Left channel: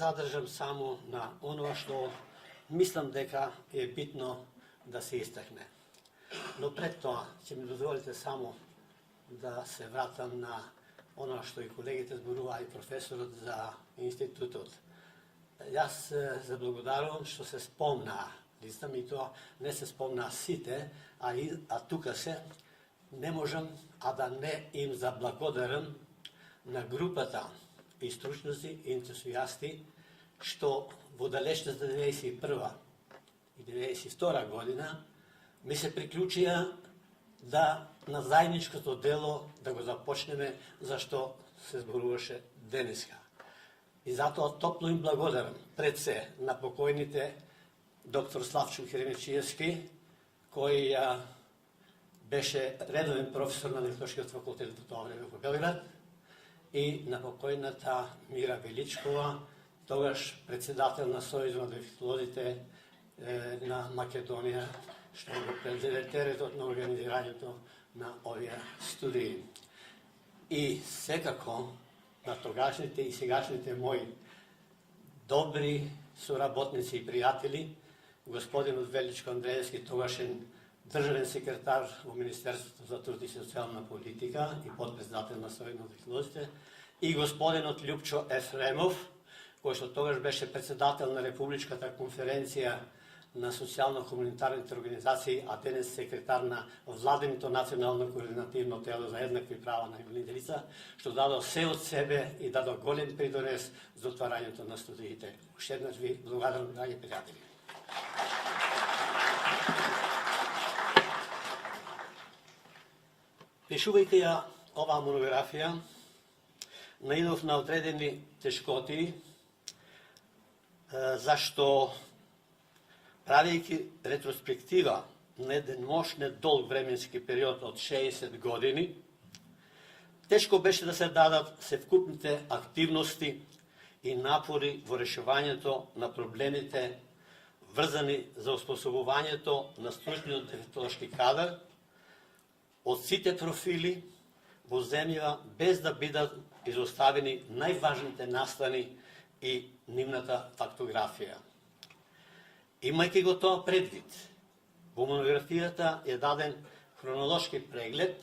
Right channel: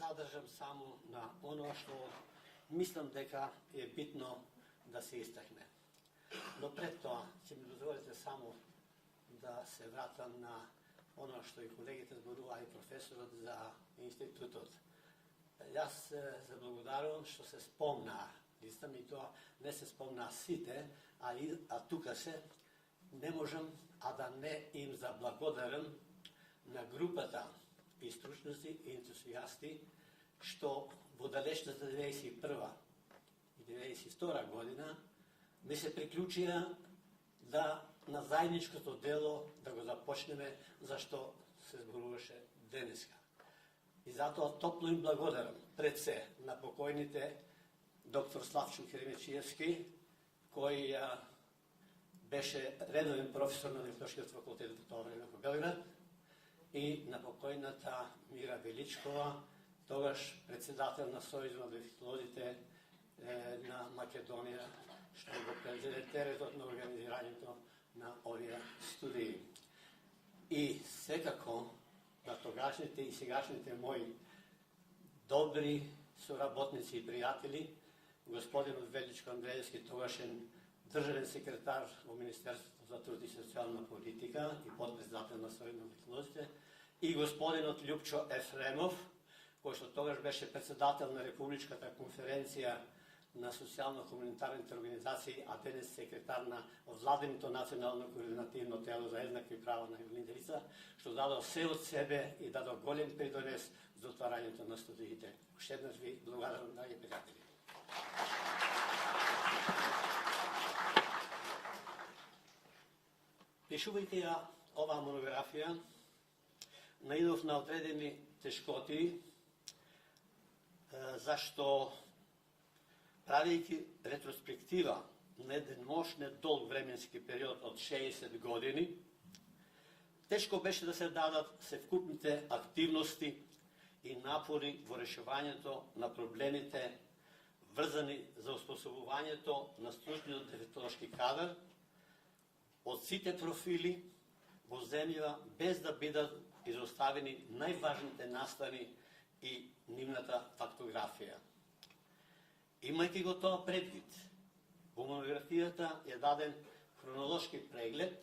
задржам само на оно што мислам дека е битно да се истакне. Но пред тоа, ќе ми дозволите само да се вратам на оно што и колегите зборуваа и професорот за институтот. Јас заблагодарувам што се спомнаа, листам и тоа не се спомнаа сите, а тука се, не можам а да не им заблагодарам на групата и стручници и ентусијасти што во далечната 1991 и 1992 година ми се приклучија да на заедничкото дело да го започнеме зашто се зборуваше денеска. И затоа топло им благодарам пред се на покојните доктор Славчо Херемечиевски, кој беше редовен професор на Дефектолошкиот факултет во тоа време во Белград, и на покојната Мира Величкова, тогаш председател на Сојузот на дефектолозите на Македонија, што го презеде теретот на организирањето на овие студии. И секако на тогашните и сегашните мои добри соработници и пријатели, господинот Величко Андреевски, тогашен државен секретар во Министерството за труд и социјална политика и подпредседател на Сојузот на дефектолозите, и господинот Љупчо Ефремов, кој што тогаш беше председател на Републичката конференција на социјално-хуманитарните организации, а денес секретар на владиното национално координативно тело за еднакви права на инвалидните лица, што дадо се од себе и дадо голем придонес за отварањето на студиите. Уште еднаш ви благодарам, драги пријатели. Пишувајќи ја оваа монографија, наидов на одредени тешкоти, зашто правејќи ретроспектива на еден мощен долг временски период од 60 години, тешко беше да се дадат севкупните активности и напори во решувањето на проблемите врзани за оспособувањето на стручниот дефектолошки кадар од сите профили во земјава, без да бидат изоставени најважните настани и нивната фактографија. Имајќи го тоа предвид, во монографијата е даден хронолошки преглед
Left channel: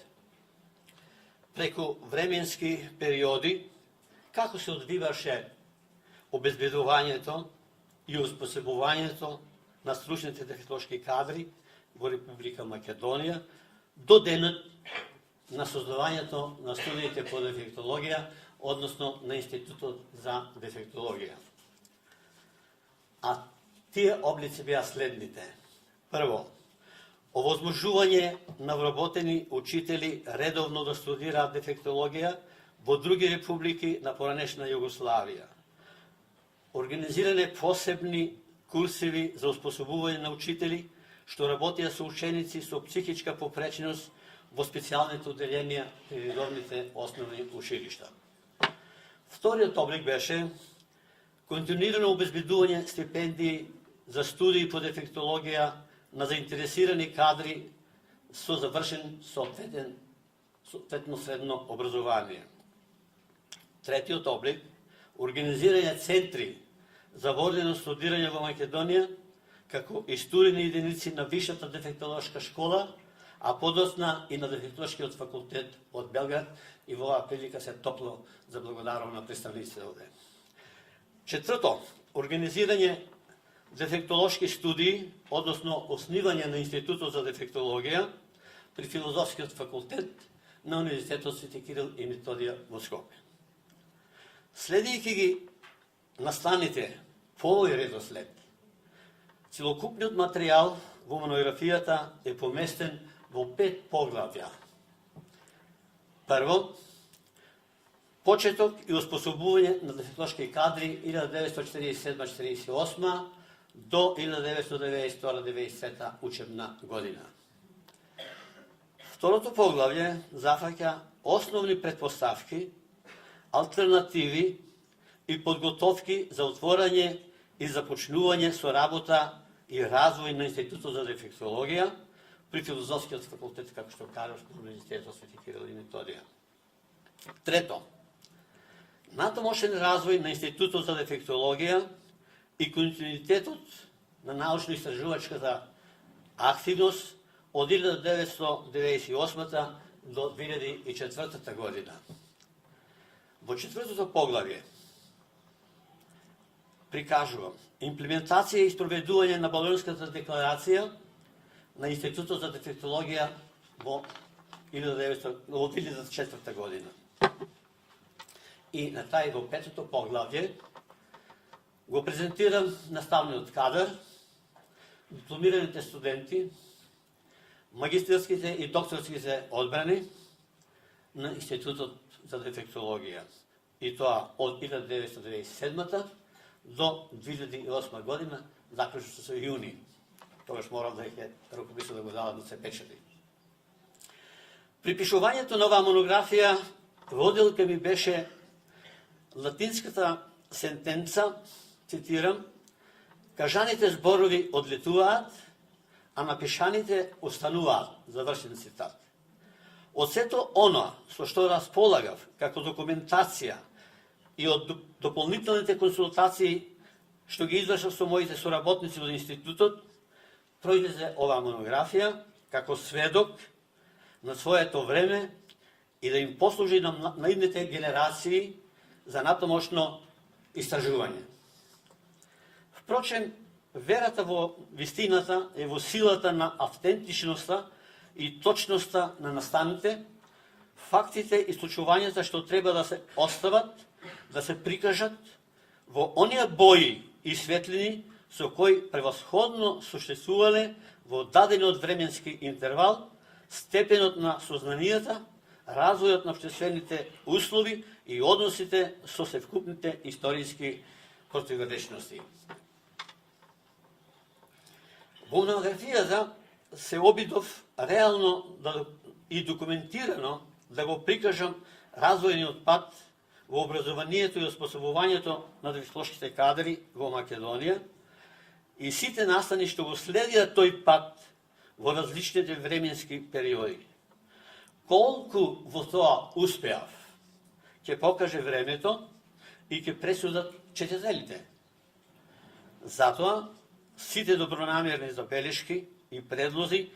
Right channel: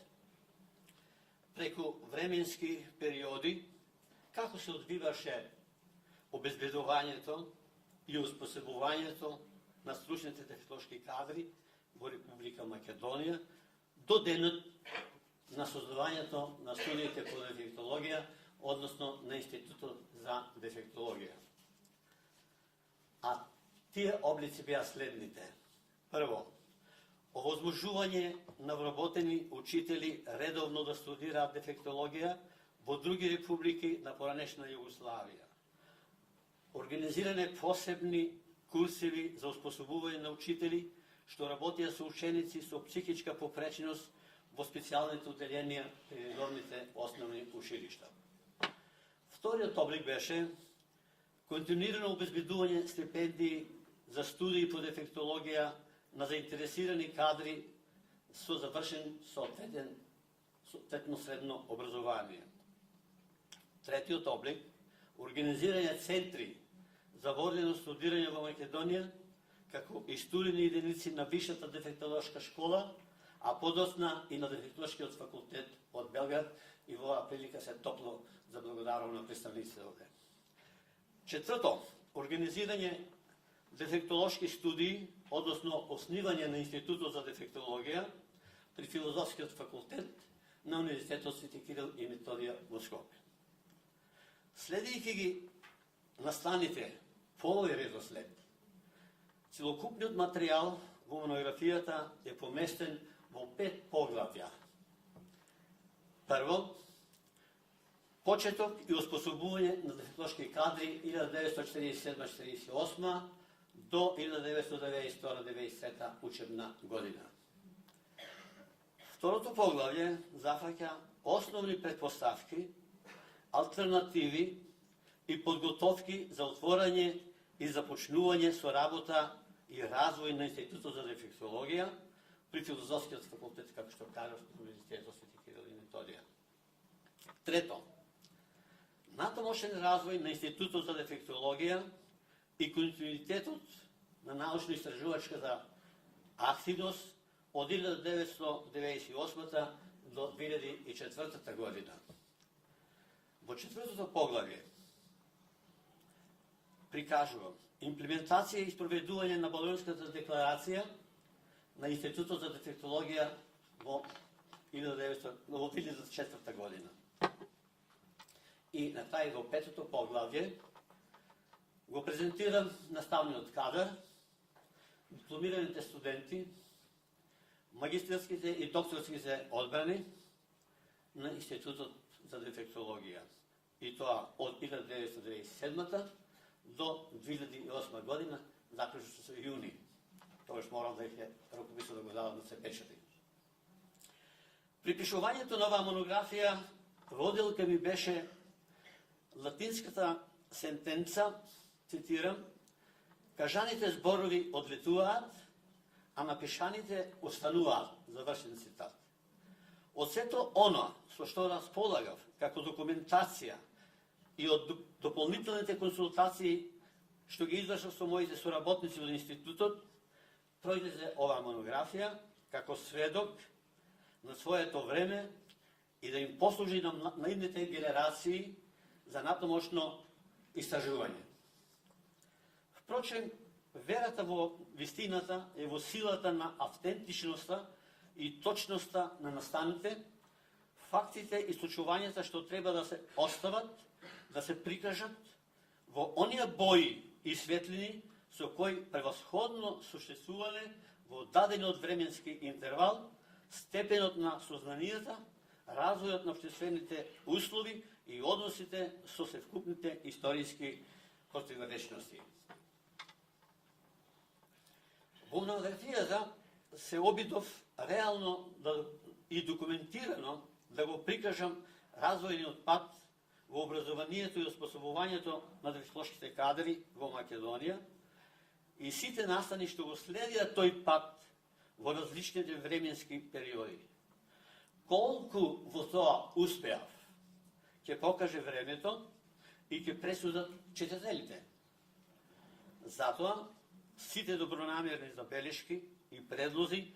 преку временски периоди, како се одвиваше обезбедувањето и успособувањето на стручните дефектолошки кадри во Република Македонија до денот на создавањето на студиите по дефектологија, односно на Институтот за дефектологија. А тие облици беа следните. Прво, овозможување на вработени учители редовно да студираат дефектологија во други републики на поранешна Југославија. Организиране посебни курсеви за успособување на учители што работеа со ученици со психичка попреченост во специјалните оделенија при редовните основни училишта. Вториот облик беше континуирано обезбедување стипендии за студии по дефектологија на заинтересирани кадри со завршен соодветно средно образование. Третиот облик – организирање центри за водено студирање во Македонија, како и студени единици на Висшата дефектолошка школа, а подоцна и на Дефектолошкиот факултет од Белград, и во оваа прилика се топло заблагодарувам на представниците овде. Четврто, организирање дефектолошки студии, односно основање на Институтот за дефектологија при Филозофскиот факултет на Универзитетот Свети Кирил и Методија во Скопје. Следејќи ги насланите по овој редослед, целокупниот материјал во монографијата е поместен во 5 поглавја. Прво, почеток и оспособување на дефектолошки кадри 1947-48 до 1992-93 учебна година. Второто поглавје зафаќа основни претпоставки, алтернативи и подготовки за отворање и започнување со работа и развој на Институтот за дефектологија при Филозофскиот факултет, како што кажав, на Универзитетот Свети Кирил и Методија. Трето, Натамошен развој на Институтот за дефектологија и континуитетот на научно-истражувачката активност од 1998 до 2004 година. Во четвртото поглавје прикажувам имплементација и спроведување на Болонската декларација на Институтот за дефектологија во 2004 година. И на тај во петото поглавје го презентирам наставниот кадар, дипломираните студенти, магистарските и докторските одбрани на Институтот за дефектологија. И тоа од 1997 до 2008 година, заклучно со јуни. Тогаш морам да ќе рукописот да го дадам да се печати. При пишувањето на оваа монографија водилка ми беше латинската сентенца, цитирам, кажаните зборови одлетуваат, а напишаните остануваат, завршен цитат. Од сето оно со што располагав како документација и од дополнителните консултации што ги извршав со моите соработници од институтот, произлезе оваа монографија како сведок на своето време и да им послужи на идните генерации за натамошно истражување. Впрочем, верата во вистината е во силата на автентичноста и точноста на настаните, фактите и случувањата што треба да се остават, да се прикажат во оние бои и светлини со кои превосходно суштествувале во дадениот временски интервал степенот на сознанијата, развојот на обществените услови и односите со севкупните историски противречности. Во монографијата се обидов реално и документирано да го прикажам развојниот пат во образованието и оспособувањето на дефектологските кадри во Македонија и сите настани што го следија тој пат во различните временски периоди. Колку во тоа успеав, ќе покаже времето и ќе пресудат читателите. Затоа, сите добронамерни забелешки и предлози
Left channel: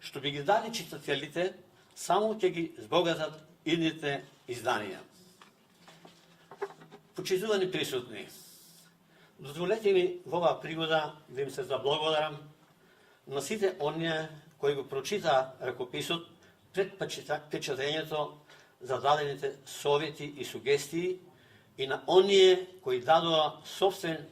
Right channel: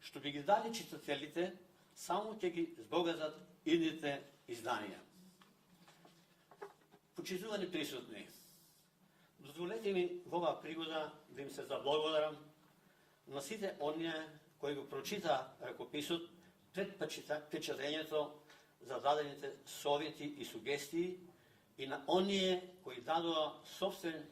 што би ги дали читателите, само ќе ги збогатат идните изданија. Почитувани присутни, дозволете ми во оваа пригода да им се заблагодарам на сите оние кои го прочитаа ракописот пред печатењето за дадените совети и сугестии и на оние кои дадоа собствен